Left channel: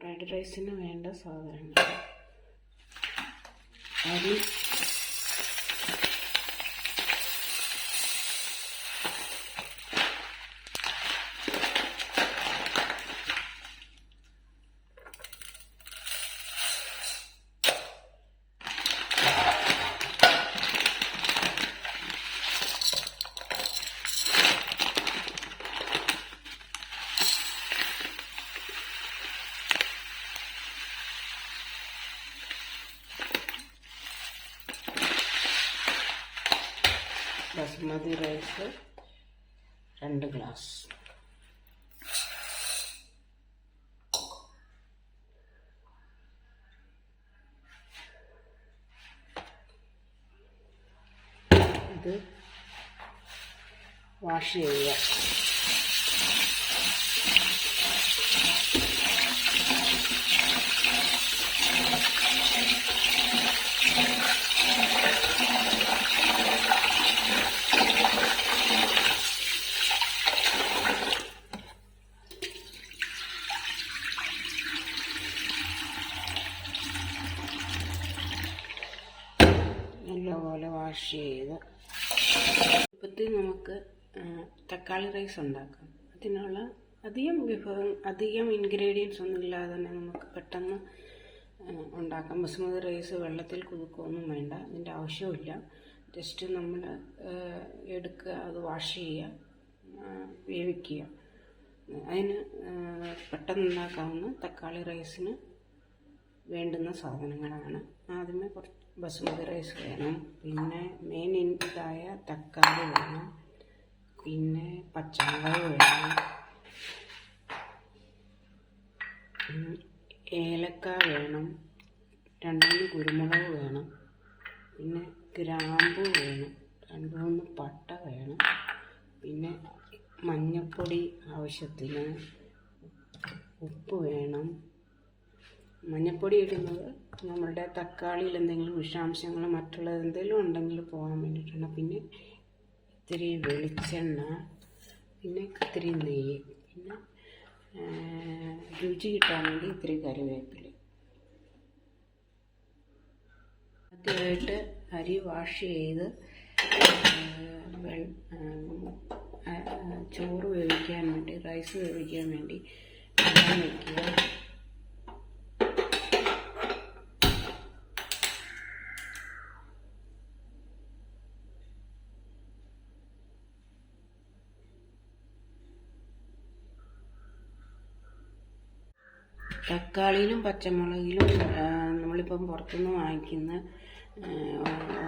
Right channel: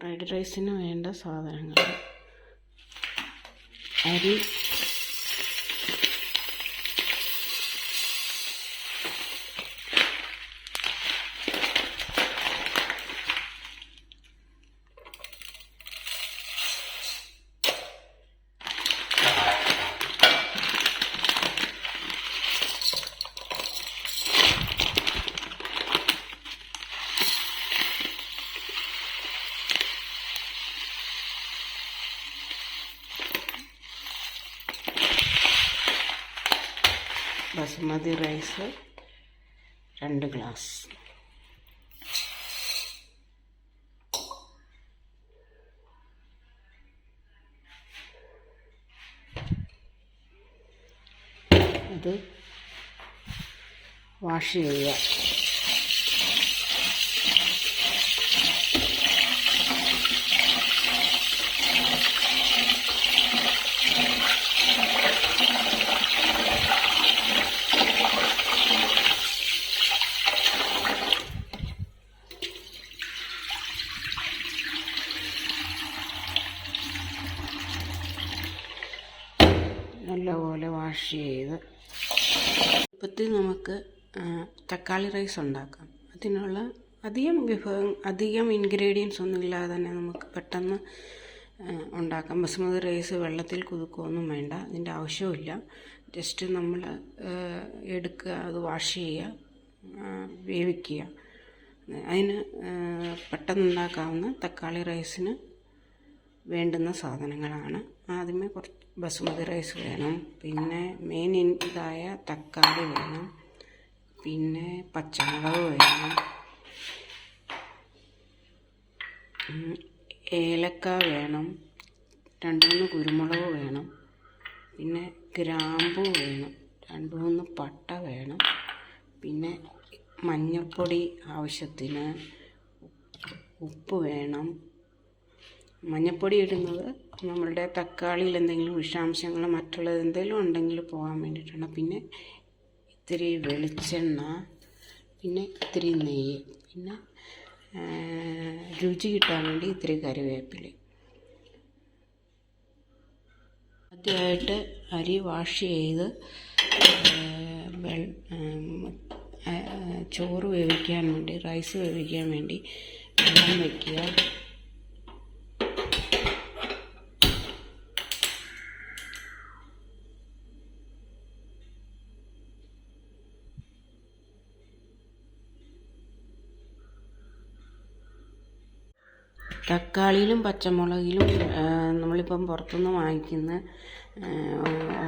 Fried റൈസിന് വേണ്ട സാധനങ്ങൾ: അരി, ബസുമതി റൈസ് 2 ഗ്ലാസ്, അത് വാഷ് ചെയ്യുക. നല്ലപോലെ വാഷ് ചെയ്ത് ഇപ്പത്തിൽ നമുക്ക് തക്കാളി റൈസ് ഉണ്ടാക്കാം. അതിനുള്ള അധികം ഇൻഗ്രീഡിയൻസ് ഒന്നും ഇല്ലാതെ തന്നെ നമുക്ക് പെട്ടെന്ന് ഉണ്ടാക്കാം. ബസുമതി റൈസ് വെള്ളത്തിൽ കുതിർക്കുകയൊന്നും വേണ്ട, അതിൻ്റെ ആവശ്യമില്ല. ജസ്റ്റ് നമ്മൾ എടുക്കുക, അത് വാഷ് ചെയ്യുക, വേവിക്കുക. അതിന് പെട്ടെന്ന് ഉണ്ടാക്കാവുന്ന തക്കാളി റൈസിന് വേണ്ടുന്ന സാധനങ്ങളാണ്. ആദ്യമേ കുറച്ച് ബസുമതി റൈസ് വേണം, പിന്നെ മെയിൻ ഇതായ തക്കാളി വേണം, പിന്നെ പച്ചമുളക് വേണം, ഏലക്ക വേണം, 2-3 കുരുമുളക് വേണം, പിന്നെ ഗ്രാമ്പൂ വേണം, 2-3 പട്ട വേണം, പിന്നെ മഞ്ഞൾപ്പൊടി ആവശ്യത്തിന്, ഉപ്പ് വേണം. മഞ്ഞൾപ്പൊടി ഇടുന്നത് നമ്മളുടെ തക്കാളിയിൽ എന്തെങ്കിലും വിഷാംശങ്ങൾ മറ്റുള്ളത് എന്തെങ്കിലും ഉണ്ടെങ്കിൽ പോകാൻ വേണ്ടിയിട്ടാണ്. പിന്നെ ഇത്തിരി വെളിച്ചെണ്ണ, പിന്നെ ഇത്തിരി നെയ്യ്, പിന്നെ രുചി കിട്ടാൻ വേണ്ടി ഇത്തിരി കറിവേപ്പില. ആദ്യമായിട്ട് അരി വാഷ് ചെയ്ത് ചോറ് വേവിക്കാൻ വേണ്ടി, റൈസ് വേവിക്കാൻ വേണ്ടി വെള്ളം വയ്ക്കുക. തക്കാളിയിലും പച്ചമുളകിലും നമ്മളിപ്പം പുറത്തുനിന്ന് വാങ്ങിക്കുന്ന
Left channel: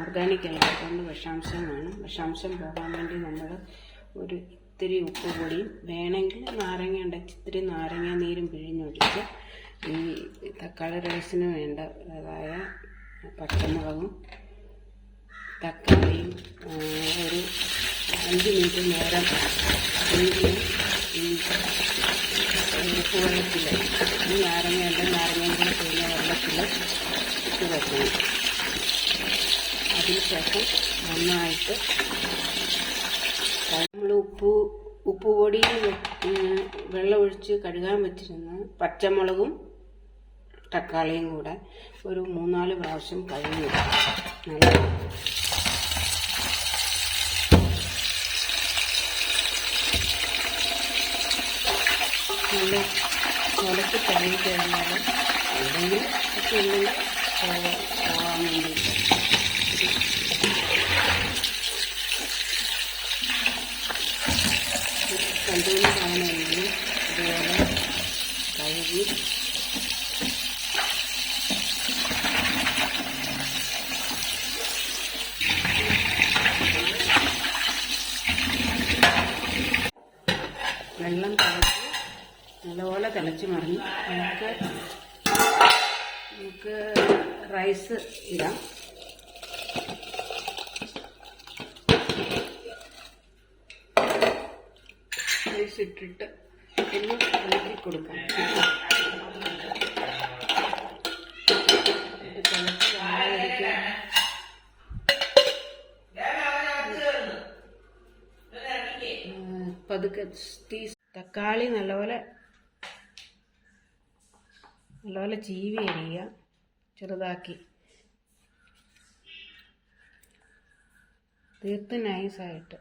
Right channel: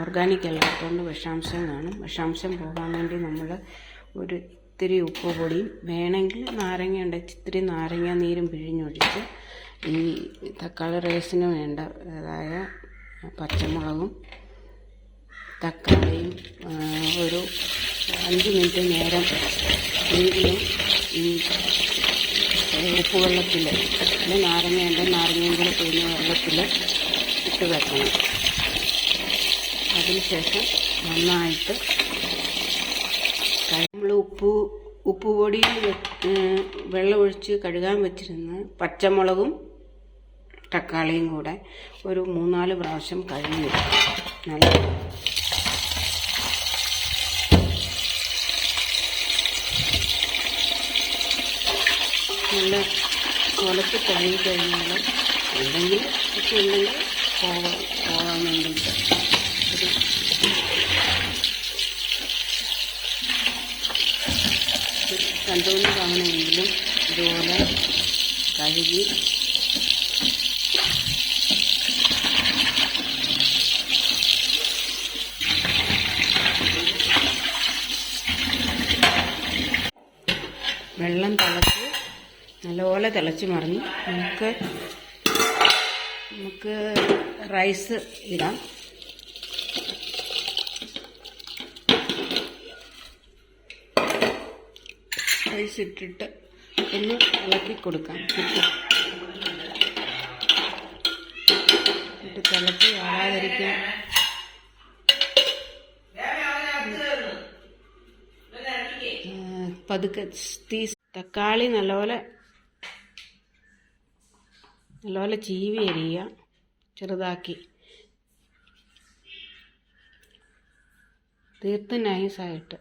ഓർഗാനിക് അല്ലാത്തതുകൊണ്ട് വിഷാംശം കാണും. വിഷാംശം പോകാൻ വേണ്ടി നമ്മൾ ഇത്തിരി ഉപ്പ് പൊടിയും വേണമെങ്കിൽ നാരങ്ങ ഉണ്ടെങ്കിൽ ഇത്തിരി നാരങ്ങ നീരും പിഴിഞ്ഞൊഴിച്ച് ഈ തക്കാളി റൈസിന് വേണ്ടതായ പച്ചമുളകും തക്കാളിയും ഒരു 5 മിനിറ്റ് നേരം എങ്കിലും ഈ ഉപ്പ് വെള്ളത്തിൽ, നാരങ്ങയുണ്ട്, നാരങ്ങയും കൂടി പിഴിഞ്ഞ വെള്ളത്തിൽ ഇട്ട് വെക്കണം. അതിനുശേഷം നന്നായിട്ട് നമ്മൾ ഉപ്പ് പൊടിയിൽ വെള്ളമൊഴിച്ച് കഴുകാൻ വെച്ചിരുന്ന പച്ചമുളകും തക്കാളിയും കൂടെ ഒരു 3-4 പ്രാവശ്യം കഴുകി നല്ല ഉലച്ച് കഴുകി കഴിഞ്ഞാൽ എന്തെങ്കിലും ഒക്കെ ഉണ്ടെങ്കിൽ പോകാൻ വേണ്ടിയിട്ട് ഒരു 2-3 തവണയെങ്കിലും ഇതുപോലെ കഴുകി വെള്ളം തിളച്ച് നല്ലപോലെ തിളച്ച് മറിഞ്ഞ് നമുക്ക് റൈസ് ഇടാം. റൈസ് ഇട്ടിട്ട് ഒന്ന് ഇളക്കി കൊടുക്കാം. തിളച്ച് വരാതിരിക്കാൻ പതുക്കെ തക്കാളി നല്ലപോലെ നല്ലപോലെ ചീവി അരിയുക, ചെറുതാക്കി, തീർത്തും നൈസായിട്ട്.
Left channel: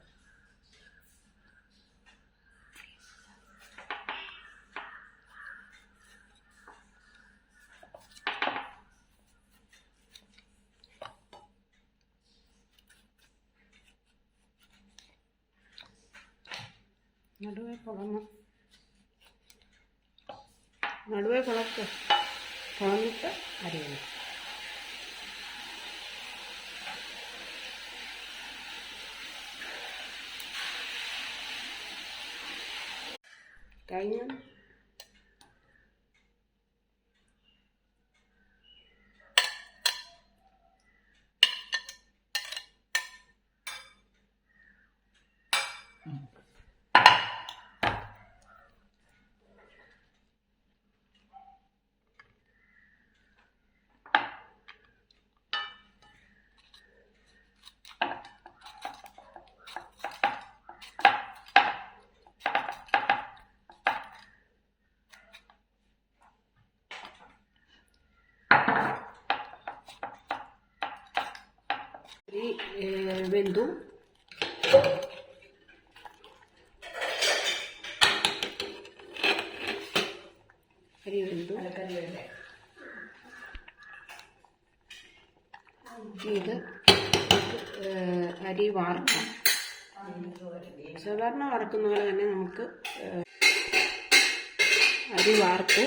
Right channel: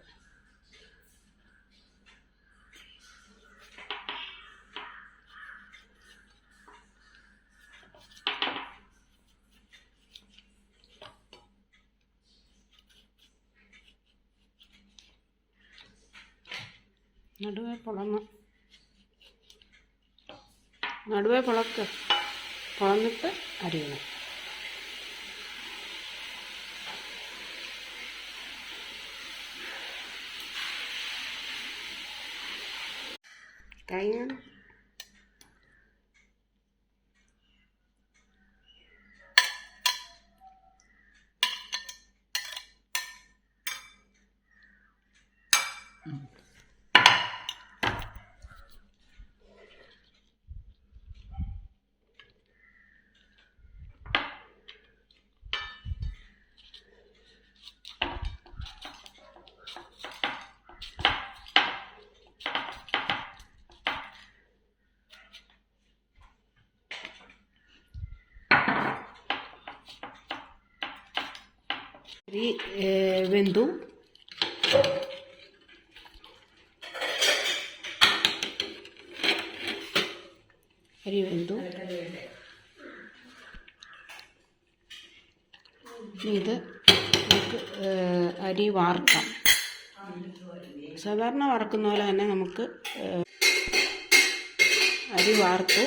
നടുവേ പൊളന്നിട്ട് അരിയണം. കഴിഞ്ഞ അരി വെന്തു. ഇത് അരി വാർക്കാം. സാധാരണ വറക്കുന്ന പോലെ തന്നെ നമുക്ക് അരി വാർത്തു.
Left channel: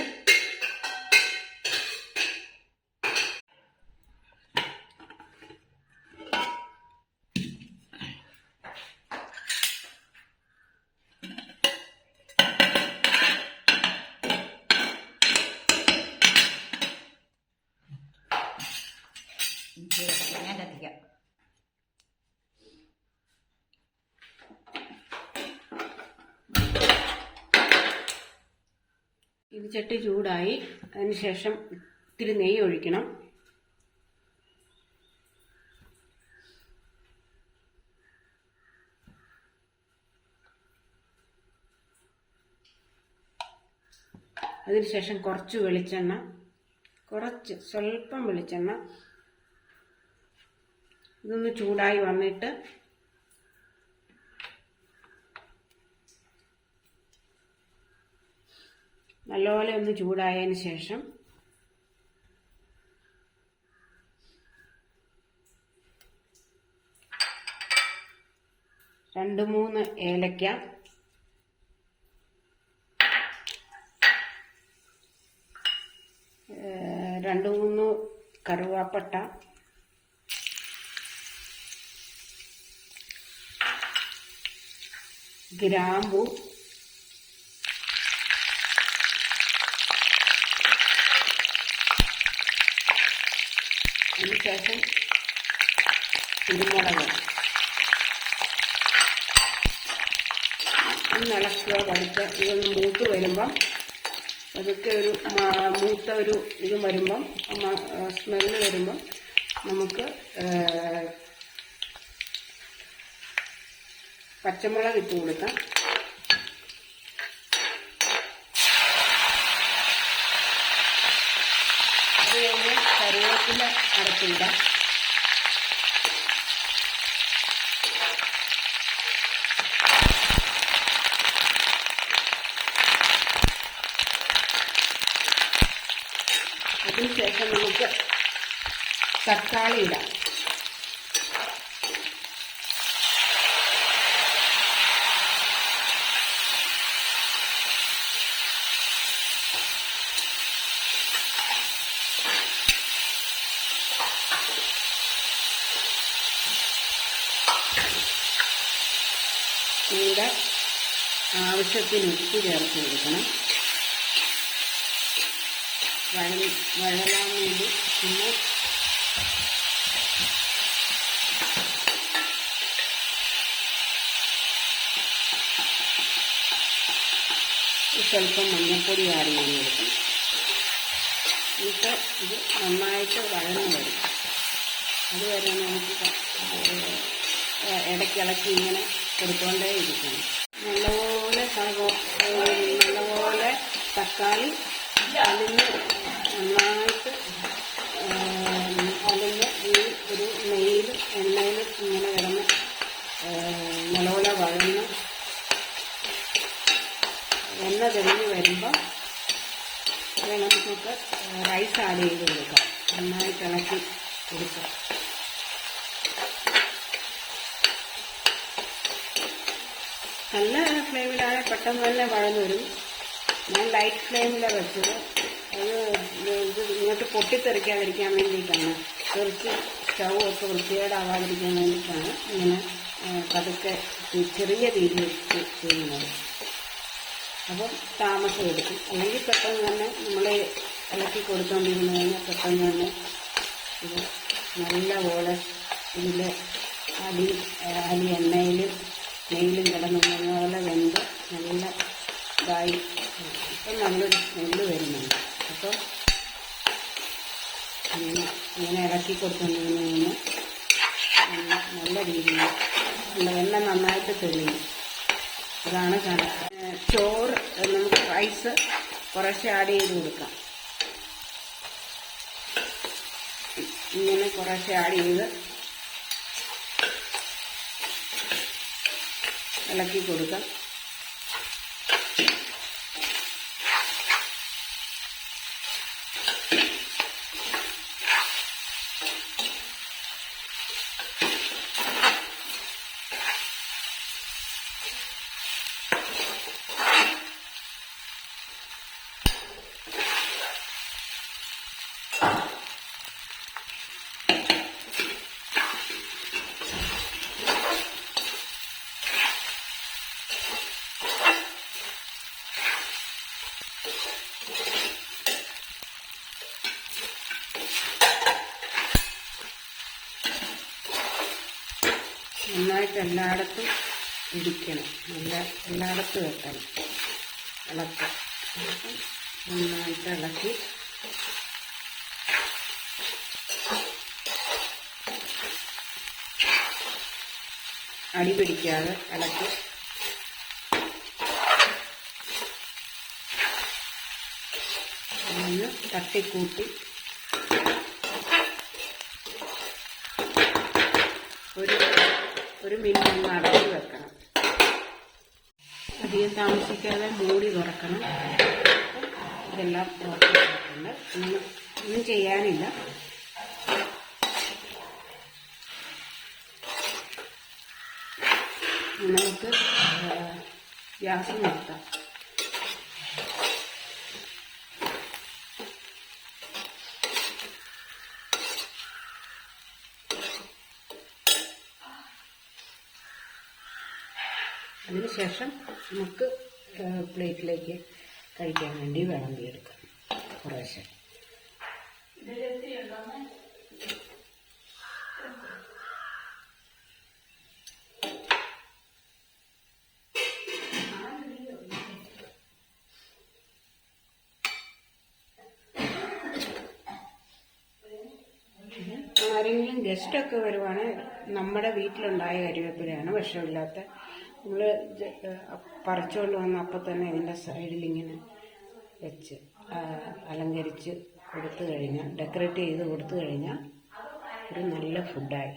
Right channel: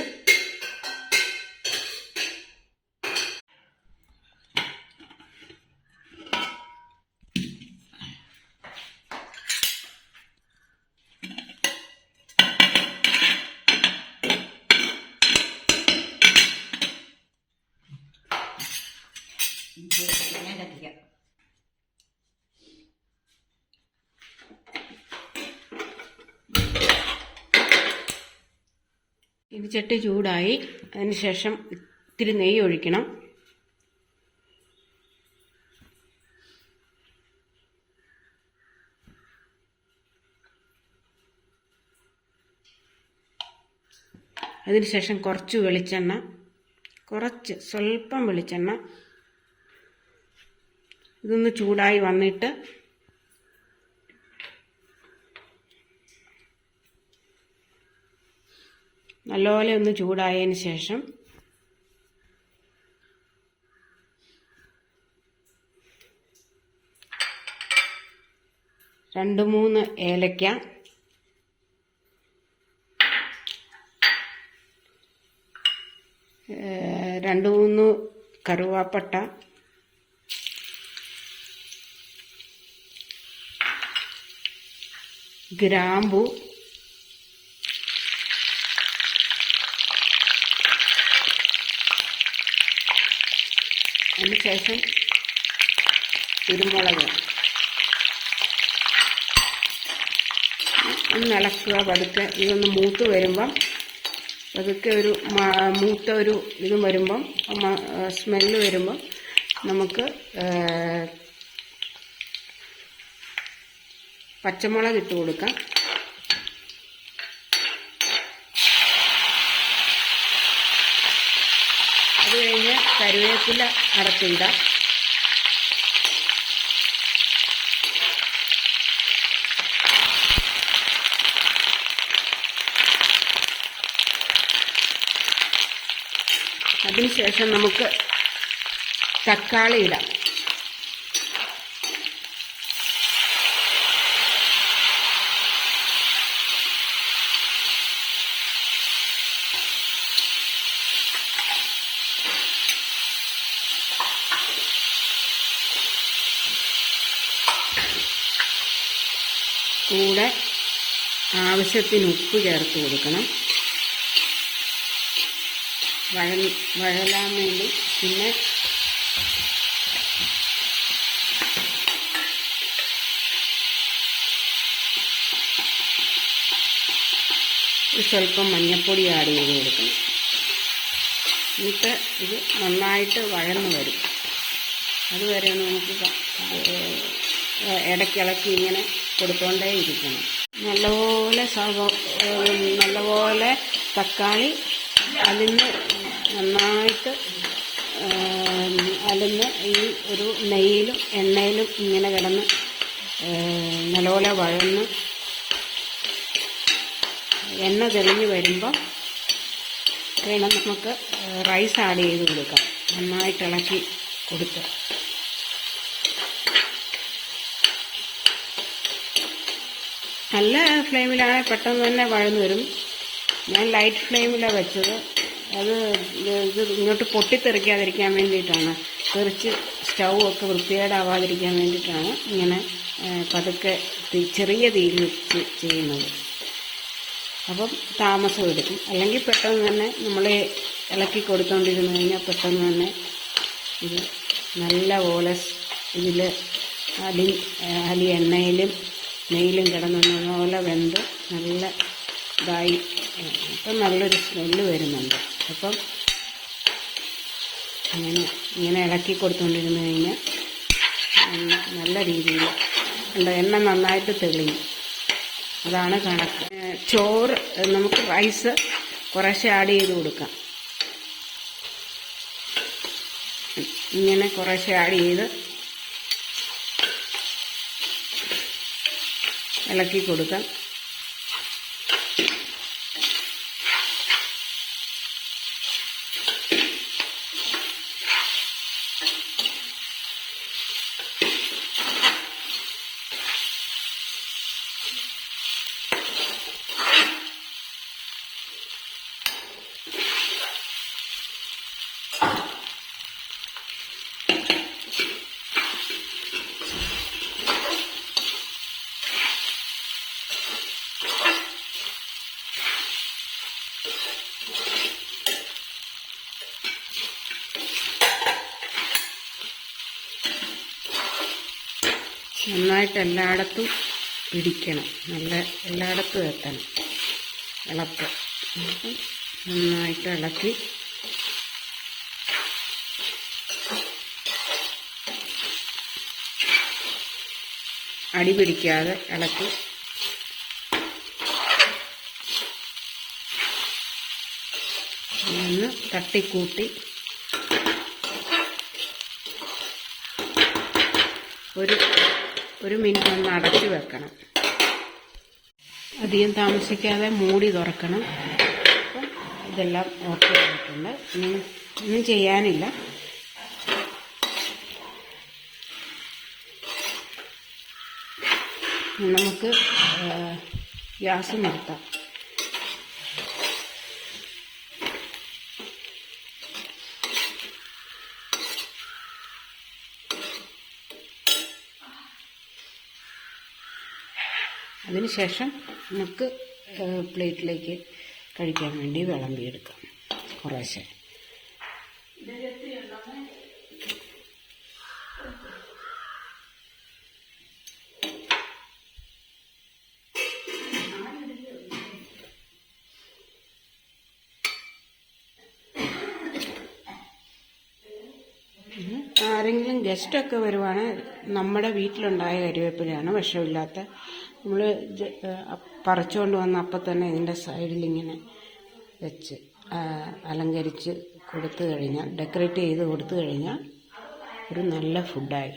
ഇത് ചട്ടി ചൂടായി. അതിനുശേഷം ഇത്തിരി നെയ്യ് ഒഴിക്കണം. അതിനുശേഷം കുറച്ച് വെളിച്ചെണ്ണ, സ്വല്പം വെളിച്ചെണ്ണ. ഇതൊന്ന് ചൂടായി വന്നിട്ട് നല്ലപോലെ ഒന്ന് ചൂടായതിന് ശേഷം രണ്ട് മൂന്ന് ഏലക്ക, രണ്ട് മൂന്ന് കറുവാപ്പട്ട, ഗ്രാമ്പു, അതിനുശേഷം കുരുമുളക്. ഒന്ന് ഇളക്കുക പതുക്കെ. ഇതൊന്ന് മൂത്ത് വരുമ്പം പതുക്കെ ഒരു മൂത്ത ഒരു ഇത് വരുമ്പം, സ്മെല്ല് വരുമ്പം നമുക്ക് പച്ചമുളക് ഇട്ട് കൊടുക്കാം. അത് കഴിഞ്ഞ് കറിവേപ്പില അരപ്പിടാം. അതിനുശേഷം നമുക്ക് തക്കാളി ഇടാം. കൂടെ ആവശ്യത്തിന് ഉപ്പ് ചേർത്ത് കൊടുക്കണം. വഴലാൻ വേണ്ടി. പിന്നെ സ്വല്പം മഞ്ഞൾപ്പൊടി ആഡ് ചെയ്ത് കൊടുക്കണം. എന്നിട്ട് ഇത് നന്നായിട്ട് വഴന്ന് വരും. അതുവരെ നമുക്ക് ഇടയ്ക്കിളക്കി ഇങ്ങനെ കൊടുത്തോണ്ടേ ഇരിക്കണം. നല്ലപോലെ തക്കാളി അതിന് നന്നായിട്ട് അതിന് ഈ ഒരു നെയ്യിലും എണ്ണയിലും ഇങ്ങനെ കിടന്ന് നല്ലപോലെ വഴന്ന് എണ്ണ തെളിഞ്ഞ് വരുമ്പോൾ നമുക്ക് റൈസ് ആഡ് ചെയ്ത് കൊടുക്കാം. നന്നായിട്ട് ഇളക്കി കൊടുക്കാം. നല്ല ഫ്ലെയിമിലാണെങ്കിൽ പെട്ടെന്ന് തന്നെ വഴന്ന് വരും. ഞാൻ ലൈറ്റ് ഫ്ലെയിമിലാണ് വെച്ചത്. അത് ഇത് ഇങ്ങോട്ട് പൊട്ടിത്തെറിക്കാതിരിക്കാൻ വേണ്ടിയിട്ടാണ്, തെറിച്ച് സ്റ്റൗ ഒക്കെ വൃത്തികേടാവാതിരിക്കാൻ വേണ്ടിയിട്ടാണ് ഇങ്ങനെ പതുക്കെ ചെറിയ തീയിൽ ചെയ്യുന്നത്. അപ്പം താമസം എടുക്കും. അല്ലെങ്കിൽ പെട്ടെന്ന് തന്നെ നമ്മളെ ഇളക്കി കൊടുത്തുകൊണ്ടിരുന്നു കഴിഞ്ഞാൽ പെട്ടെന്ന് തന്നെ ഇത് നല്ലപോലെ ഇതിൽ അലി എണ്ണയിലും നെയ്യിലും കിടന്ന് നല്ലപോലെ വെന്ത് നല്ല ഇതായി ഇപ്പം നല്ലൊരു സ്മെല്ല് വരുന്നുണ്ട്. അപ്പം ഇങ്ങനെ ഇളക്കി കൊടുത്തുകൊണ്ടിരുന്നു കഴിഞ്ഞാൽ നല്ല രീതിയിൽ എണ്ണ നന്നായിട്ട് തെളിയും. അതാണ് കണക്ക്. ചോറ് നമുക്ക് റൈസ് കുറേശ്ശെ ആഡ് ചെയ്ത് കൊടുക്കാം. ഇങ്ങനെ കുറേശ്ശെ ആഡ് ചെയ്ത് ഇളക്കി കൊടുക്കാം. നന്നായിട്ട് എല്ലായിടത്തും ഇടിക്കണം. നല്ല എല്ലായിടത്തും എത്തണം ഇളക്ക്. നന്നായിട്ട് ഇളക്കി അടി പിടിക്കാതെ ഇളക്കി ഒന്ന് തട്ടിക്കൂട്ടി ഒരു മിനിറ്റ് ഒന്ന് അടച്ചു വെക്കണം. അധികം താമസിക്കാതെ മൂടി തുറക്കണം. ഇതെല്ലാം ഓക്കെ ആയിട്ടുണ്ട്. ഒന്നും ചെയ്യാനില്ല. നമുക്ക് ഗ്യാസ് നിർത്താം. അതിനുശേഷം നമുക്ക് പ്ലേറ്റിലേക്ക് കഴിക്കാൻ വേണ്ടി വിളമ്പിയെടുക്കാം കുറേശ്ശെ. ആരെങ്കിലും ഗസ്റ്റൊക്കെ വരുവാണെങ്കിൽ നമ്മുടെ വീട്ടിലുണ്ടായ കരിവേപ്പിലയാണ്, വിഷമില്ലാത്ത. നമ്മൾ പറിച്ചുകൊണ്ട് വന്ന് അപ്പം തന്നെ ഇതിൻ്റെ സൈഡിലിങ്ങനെ വെച്ച് അലങ്കരിച്ച് കൊടുത്തു കഴിഞ്ഞാൽ, ഡെക്കറേറ്റ് ചെയ്ത് കൊടുത്തു കഴിഞ്ഞാൽ ഒരു നല്ല ഫുഡായി.